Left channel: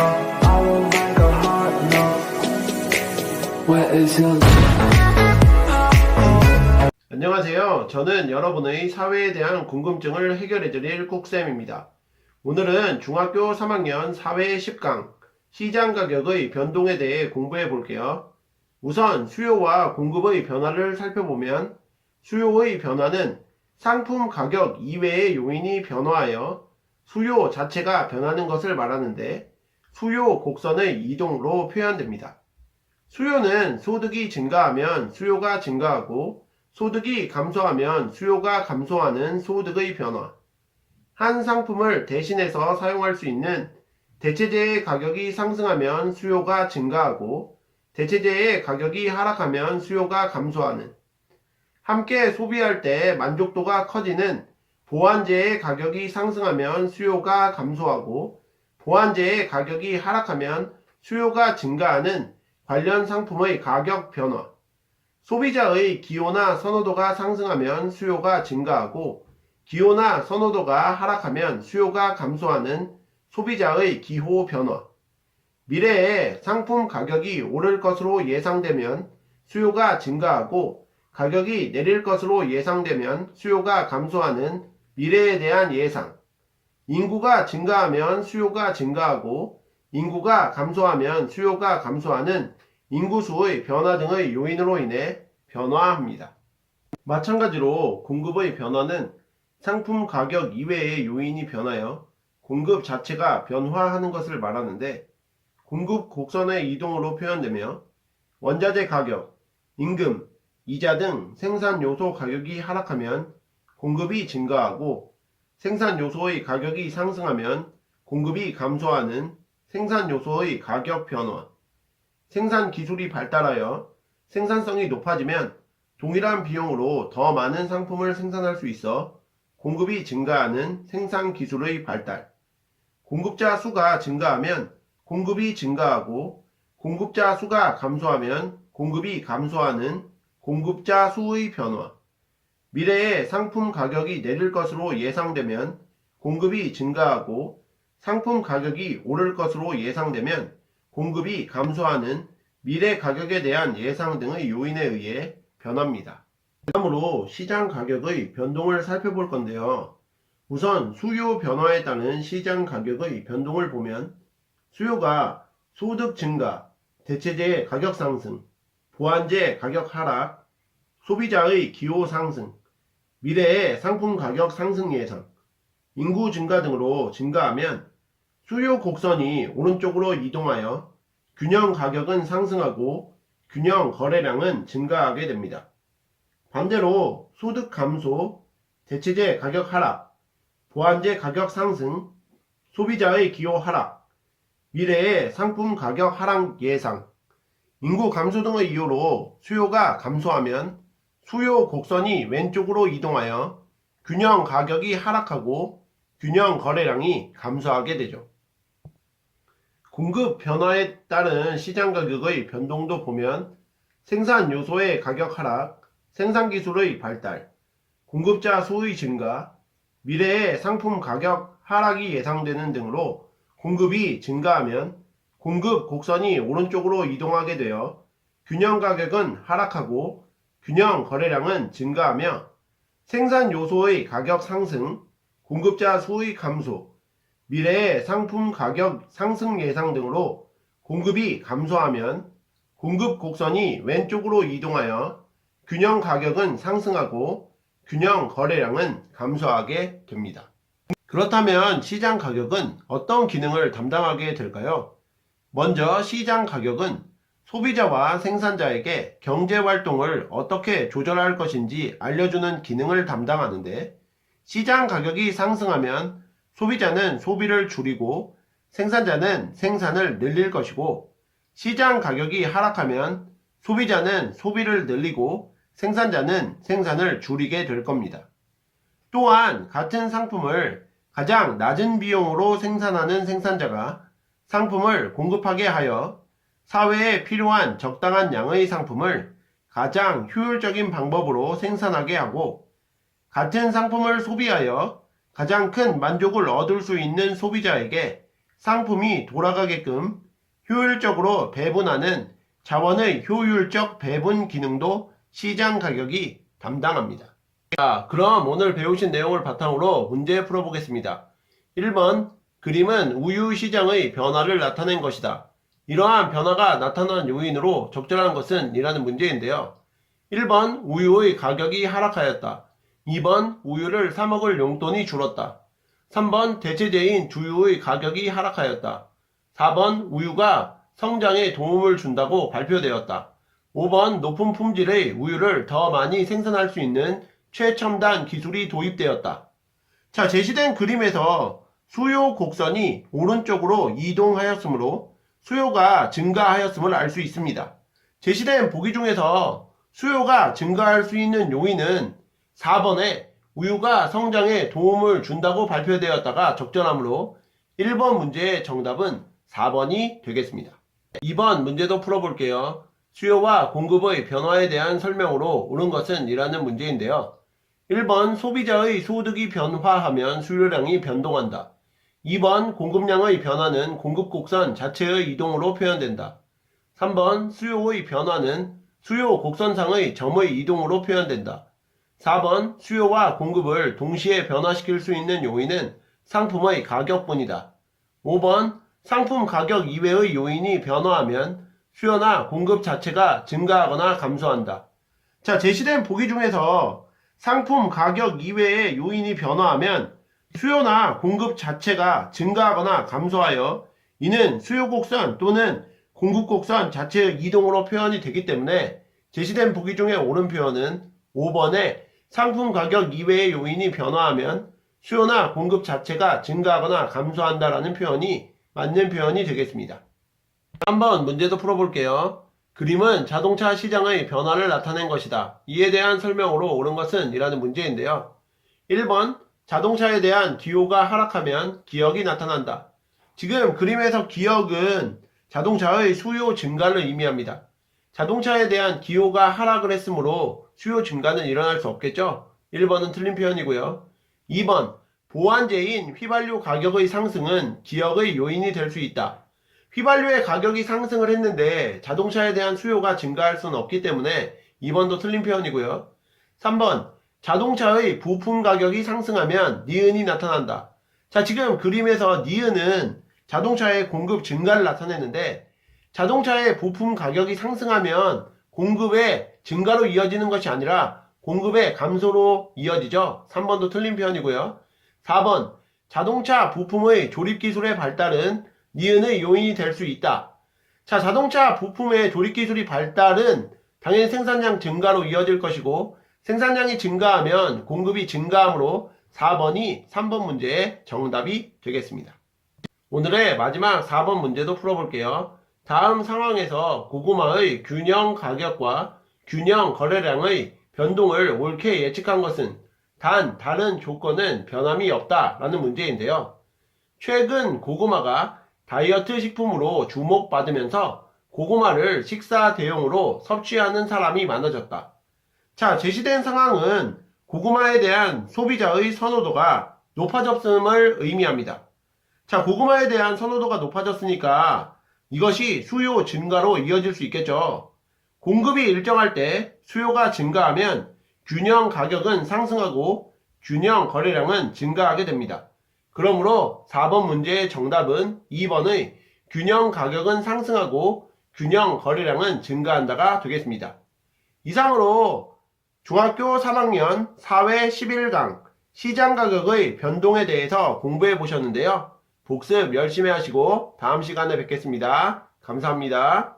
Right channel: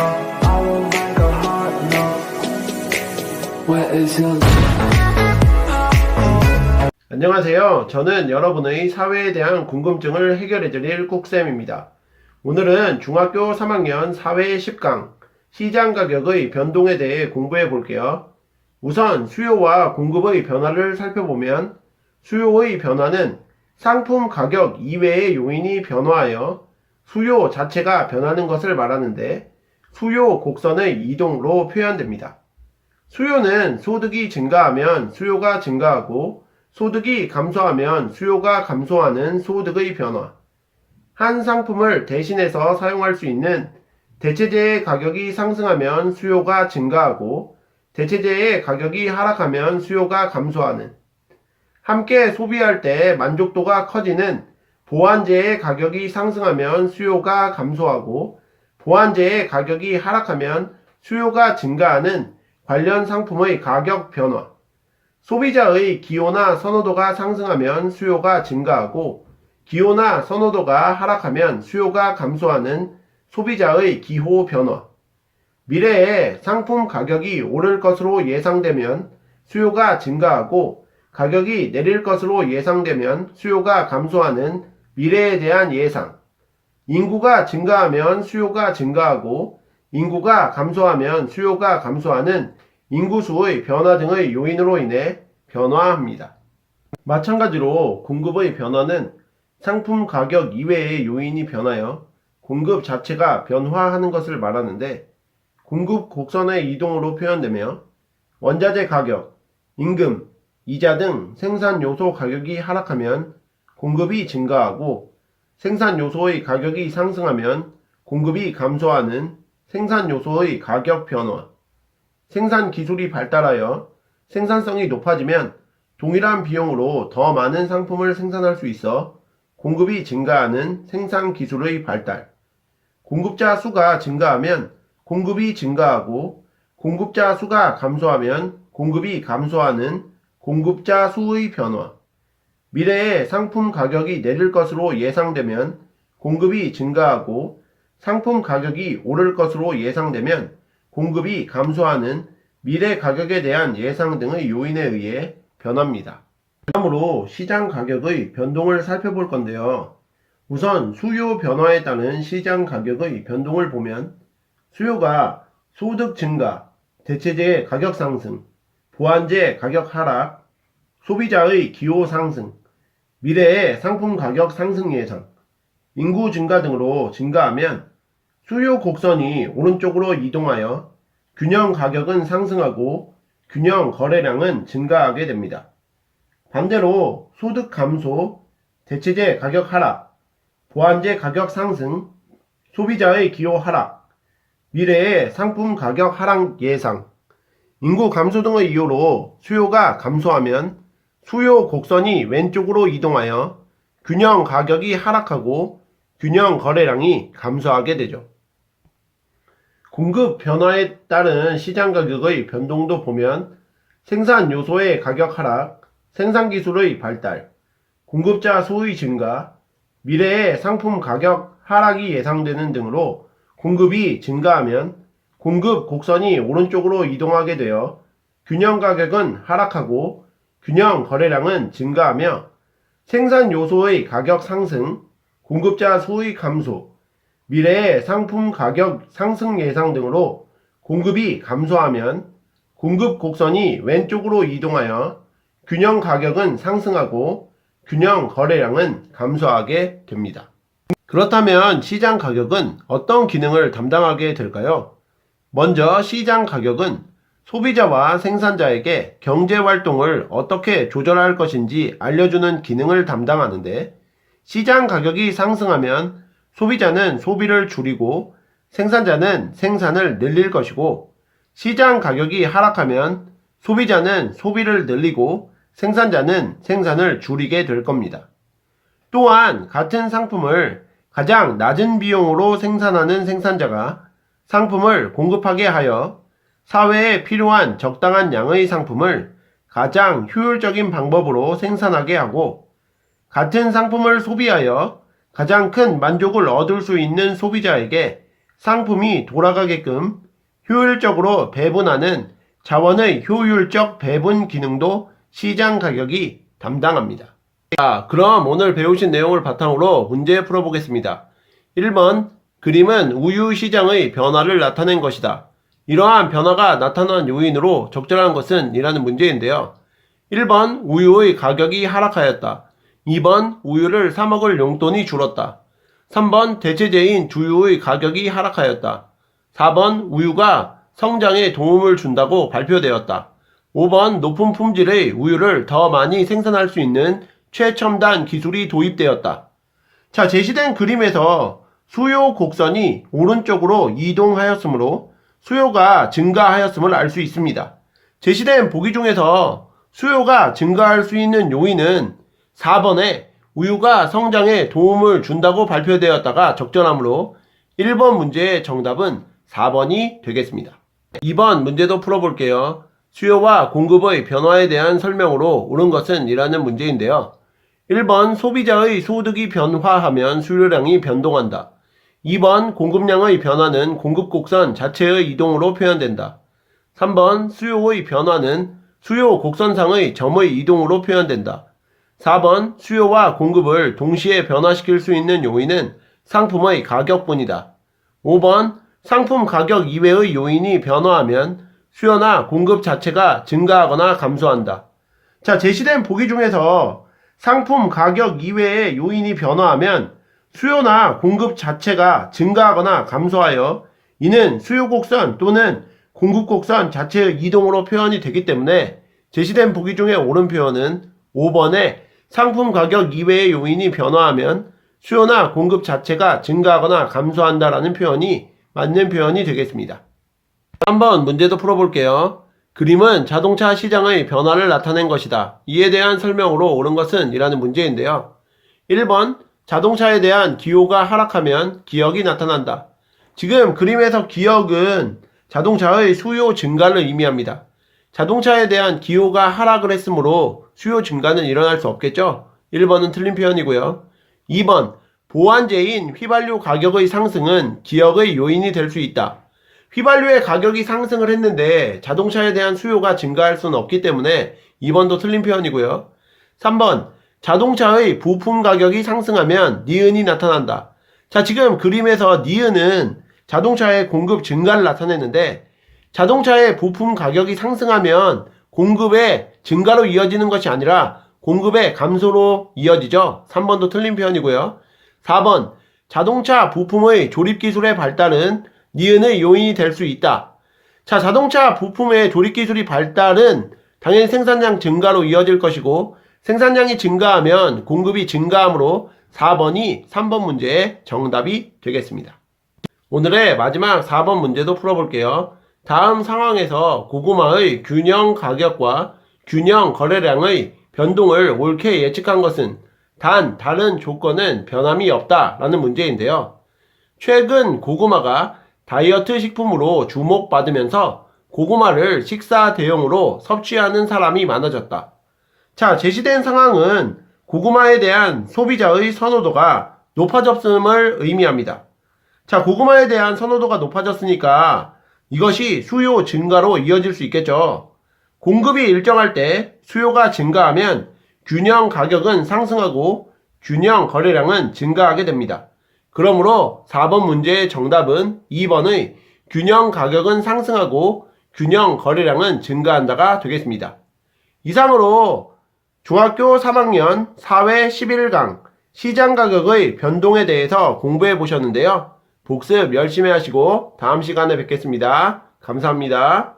I will make a hot note. Where is your 안녕하세요. 저는 여러분의 사회에 대한 궁금증을 해결해드릴 꾹쌤입니다. 오늘은 중학교 3학년 사회 10강 시장 가격의 변동에 대해 공부해 볼게요. 우선 수요와 공급의 변화를 살펴보면 수요의 변화는 상품 가격 이외의 요인이 변화하여 수요 자체가 변하는 것을 말하는데 수요 곡선의 이동으로 표현됩니다. 수요는 소득이 증가하면 수요가 증가하고 소득이 감소하면 수요가 감소하는 소득의 변화. 한 상품을 대신해서 사용할 수 있는 대체재의 가격이 상승하면 수요가 증가하고 대체재의 가격이 하락하면 수요가 감소하는. 함께 소비할 때 만족도가 커지는 보완재의 가격이 상승하면 수요가 감소하고 보완재의 가격이 하락하면 수요가 증가하는 관련 상품의 가격 변화. 소비자의 기호나 선호도가 상승하면 수요가 증가하고 기호나 선호도가 하락하면 수요가 감소하는 소비자의 기호 변화. 미래에 상품 가격이 오를 것으로 예상되면 수요가 증가하고 가격이 내릴 것으로 예상되면 수요가 감소하는 미래에 대한 예상. 인구가 증가하면 수요가 증가하고 인구가 감소하면 수요가 감소하는 인구수의 변화 등의 요인으로 인해 변화합니다. 마찬가지로 공급의 변화는 상품 가격 이외의 요인이 변하여 공급 자체가 변화하는 것을 말하는데 공급 곡선의 이동으로 표현되며 원자재 가격, 임금, 이자 등 생산 요소 가격이 하락하면 공급이 증가하고 생산 요소의 가격이 상승하면 공급이 감소하는 생산 요소의 가격 변화. 생산 기술이 발달하여 생산성이 높아지면 동일한 비용으로 더 많은 상품을 생산할 수 있어 공급이 증가하는 생산 기술의 발달. 공급자 수가 증가하면 공급이 증가하고 공급자 수가 감소하면 공급이 감소하는 공급자 수의 변화. 미래에 상품 가격이 내릴 것으로 예상되면 공급이 증가하고 상품 가격이 오를 것으로 예상되면 공급이 감소하는 미래 가격에 대한 예상 등의 요인에 의해 변합니다. 다음으로 시장 가격의 변동을 살펴볼 건데요. 우선 수요 변화에 따른 시장 가격의 변동을 보면 수요가 소득 증가, 대체재 가격 상승, 보완재 가격 하락, 소비자의 기호 상승, 미래의 상품 가격 상승 예상, 인구 증가 등으로 증가하면 수요 곡선이 오른쪽으로 이동하여 균형 가격은 상승하고 균형 거래량은 증가하게 됩니다. 반대로 소득 감소, 대체재 가격 하락, 보완재 가격 상승, 소비자의 기호 하락, 미래의 상품 가격 하락 예상, 인구 감소 등의 이유로 수요가 감소하면 수요 곡선이 왼쪽으로 이동하여 균형 가격이 하락하고 균형 거래량이 감소하게 되죠. 공급 변화에 따른 시장 가격의 변동도 보면 생산 요소의 가격 하락, 생산 기술의 발달, 공급자 수의 증가, 미래의 상품 가격 하락이 예상되는 등으로 공급이 증가하면 공급 곡선이 오른쪽으로 이동하게 되어 균형 가격은 하락하고 균형 거래량은 증가하며 생산 요소의 가격 상승, 공급자 수의 감소, 미래의 상품 가격 상승 예상 등으로 공급이 감소하면 공급 곡선이 왼쪽으로 이동하여 균형 가격은 상승하고 균형 거래량은 감소하게 됩니다. 그렇다면 시장 가격은 어떤 기능을 담당하게 될까요? 먼저 시장 가격은 소비자와 생산자에게 경제활동을 어떻게 조절할 것인지 알려주는 기능을 담당하는데 시장 가격이 상승하면 소비자는 소비를 줄이고 생산자는 생산을 늘릴 것이고 시장 가격이 하락하면 소비자는 소비를 늘리고 생산자는 생산을 줄이게 될 겁니다. 또한 같은 상품을 가장 낮은 비용으로 생산하는 생산자가 상품을 공급하게 하여 사회에 필요한 적당한 양의 상품을 가장 효율적인 방법으로 생산하게 하고 같은 상품을 소비하여 가장 큰 만족을 얻을 수 있는 소비자에게 상품이 돌아가게끔 효율적으로 배분하는 자원의 효율적 배분 기능도 시장 가격이 담당합니다. 자, 그럼 오늘 배우신 내용을 바탕으로 문제 풀어보겠습니다. 1번, 그림은 우유 시장의 변화를 나타낸 것이다. 이러한 변화가 나타난 요인으로 적절한 것은 이라는 문제인데요. 1번, 우유의 가격이 하락하였다. 2번, 우유를 사 먹을 용돈이 줄었다. 3번, 대체제인 두유의 가격이 하락하였다. 4번, 우유가 성장에 도움을 준다고 발표되었다. 5번, 높은 품질의 우유를 더 많이 생산할 수 있는 최첨단 기술이 도입되었다. 자, 제시된 그림에서 수요 곡선이 오른쪽으로 이동하였으므로 수요가 증가하였음을 알 수 있습니다. 제시된 보기 중에서 수요가 증가할 수 있는 요인은 4번에 우유가 성장에 도움을 준다고 발표되었다가 적절하므로 1번 문제의 정답은 4번이 되겠습니다. 2번 문제도 풀어볼게요. 수요와 공급의 변화에 대한 설명으로 옳은 것은 이라는 문제인데요. 1번 소비자의 소득이 변화하면 수요량이 변동한다. 2번 공급량의 변화는 공급 곡선 자체의 이동으로 표현된다. 3번 수요의 변화는 수요 곡선상의 점의 이동으로 표현된다. 4번 수요와 공급을 동시에 변화시킬 수 있는 요인은 상품의 가격뿐이다. 5번 상품 가격 이외의 요인이 변화하면 수요나 공급 자체가 증가하거나 감소한다. 자, 제시된 보기 중에서 상품 가격 이외의 요인이 변화하면 수요나 공급 자체가 증가하거나 감소하여 이는 수요 곡선 또는 공급 곡선 자체의 이동으로 표현이 되기 때문에 제시된 보기 중에 옳은 표현은 5번에 상품 가격 이외의 요인이 변화하면 수요나 공급 자체가 증가하거나 감소한다라는 표현이 맞는 표현이 되겠습니다. 한번 문제도 풀어볼게요. 그림은 자동차 시장의 변화를 나타낸 것이다. 이에 대한 설명으로 옳은 것은 이라는 문제인데요. 1번 자동차에 대한 기호가 하락하면 기역이 나타난다. 지금 그림에서 기역은 자동차의 수요 증가를 의미합니다. 자동차에 대한 기호가 하락을 했으므로 수요 증가는 일어날 수 없겠죠? 1번은 틀린 표현이고요. 2번, 보완제인 휘발유 가격의 상승은 기역의 요인이 될 수 있다. 휘발유의 가격이 상승을 했는데 자동차에 대한 수요가 증가할 수는 없기 때문에 2번도 틀린 표현이고요. 3번, 자동차의 부품 가격이 상승하면 니은이 나타난다. 자, 지금 그림에서 니은은 자동차의 공급 증가를 나타내는데 자동차의 부품 가격이 상승하면 공급의 증가로 이어지는 것이 아니라 공급의 감소로 이어지죠. 3번도 틀린 표현이고요. 4번, 자동차 부품의 조립기술의 발달은 니은의 요인이 될 수 있다. 자, 자동차 부품의 조립기술이 발달은 당연히 생산량 증가로 이어질 것이고 생산량이 증가하면 공급이 증가하므로 4번이 3번 문제의 정답이 되겠습니다. 오늘의 마지막 4번 문제도 풀어볼게요. 다음 상황에서 고구마의 균형 가격과 균형 거래량의 변동을 옳게 예측한 것은 단 다른 조건은 변함이 없다 라는 문제인데요. 최근 고구마가 다이어트 식품으로 주목받으면서 고구마를 식사 대용으로 섭취하는 사람이 많아졌다. 자, 제시된 상황은 고구마에 대한 소비자의 선호도가 높아졌음을 의미합니다. 자, 고구마에 대한 선호도가 높아졌으니까 이것이 수요 증가로 이어질 수 있겠죠. 공급이 일정할 때 수요가 증가하면 균형 가격은 상승하고 균형 거래량은 증가하게 됩니다. 그러므로 4번 문제의 정답은 2번의 균형 가격은 상승하고 균형 거래량은 증가한다가 되겠습니다. 이상으로 중학교 3학년 사회 11강 시장 가격의 변동에 대해서 공부해 보셨는데요. 복습 열심히 하시고 다음 시간에 뵙겠습니다. 감사합니다.